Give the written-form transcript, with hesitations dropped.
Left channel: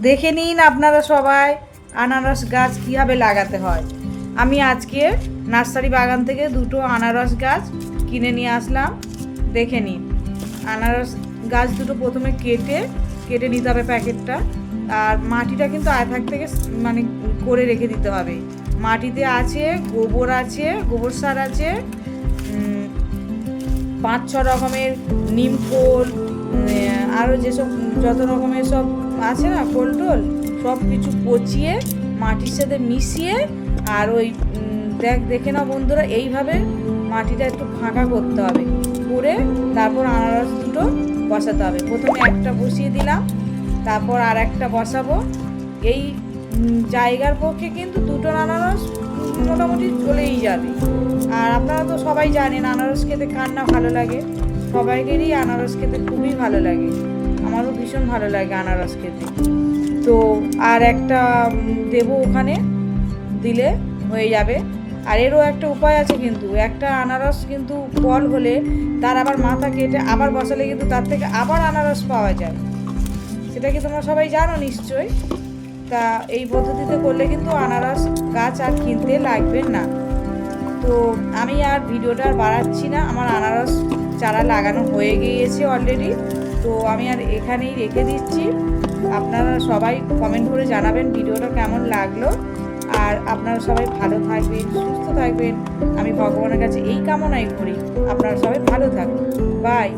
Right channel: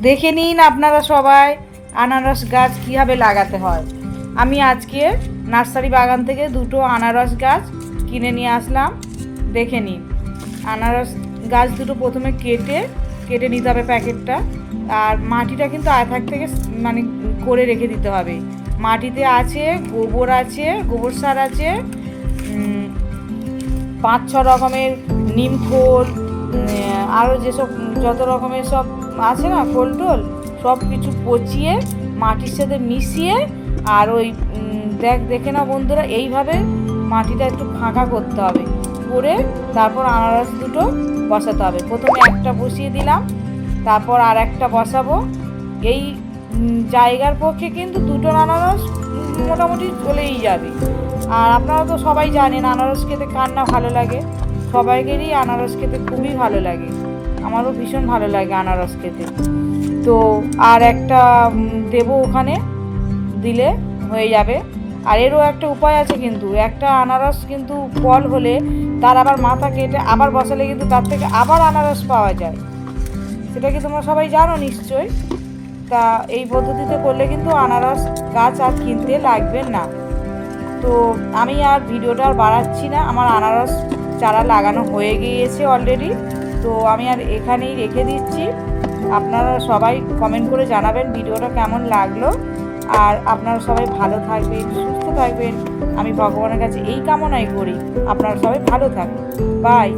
দেখে নিন আপনারা সবাই আনারস গাছ কীভাবে লাগাতে হয়। আমি আজকে নার্সারি বাগান থেকে দুটো আনারস গাছ কিনে নিয়ে আসলাম। দেখে নিন, আনারস গাছ দুটো প্রথমে কেটে নিতে হবে প্যাকেটটা। আর মাটিটা কিন্তু আয়থাক থেকে মানে করে রেখে দিতে হবে। মাটিতে আছে গোবর সার আছে, 5-6 রকমের নিম খোল, আরও যেসব যত রকমের সব আছে না খোল টোল, সব কিছু পচিয়ে মাটির সাথে মিশিয়ে আর ওই দেখে না বন্ধুরা, এইভাবে মাটিটা একটু ফাঁকা করতে হবে, করে তারপর আনারস দুটো বসাতে হবে। প্রথমে একটা বসিয়ে দিলাম, তারপর আর একটা বসাবো। এই জায়গার পক্ষে কিন্তু দুটো আনারস মোটামুটি চলেই যাবে। আর আপনারা তো সবাই জানেন আনারস খেতে কার না ভালো লাগে, সবাইকেরই আনারস খেতে খুবই ভালো লাগে, আমারও ভীষণ ভালো লাগে আনারস খেতে। তো আর একটা দেবো, ওখানে দিলে হয়ে যাবে। আর এরও একটা উপায় আছে, কিন্তু একটা আনারস কিন্তু ফল হলে তার আবার মাথা কেটে আবার বসালে কিন্তু তার থেকে আবার আনারস পাওয়া যায়। সেটা কি তোমরা সবাই জানো নিশ্চয়ই। তা এই পদ্ধতিতে করলে কিন্তু আনারস গাছ আর কিনতে লাগবে না। তো আমি আর ভিডিওটা আর বাড়াচ্ছি না, আমার আনারস চারা লাগানো হয়ে গিয়েছে অলরেডি। তো আমি আর এখানেই রেখে দিচ্ছি। আপনারা সবাই কমেন্ট করে জানাবেন ভিডিওটা কেমন লাগলো। আর আপনারা সবাই ভালো থাকবেন, সুস্থ থাকবেন, আমি ভগবানের কাছে এই কামনাই করি। আপনারা সবাই ভালো থাকবেন। বাই।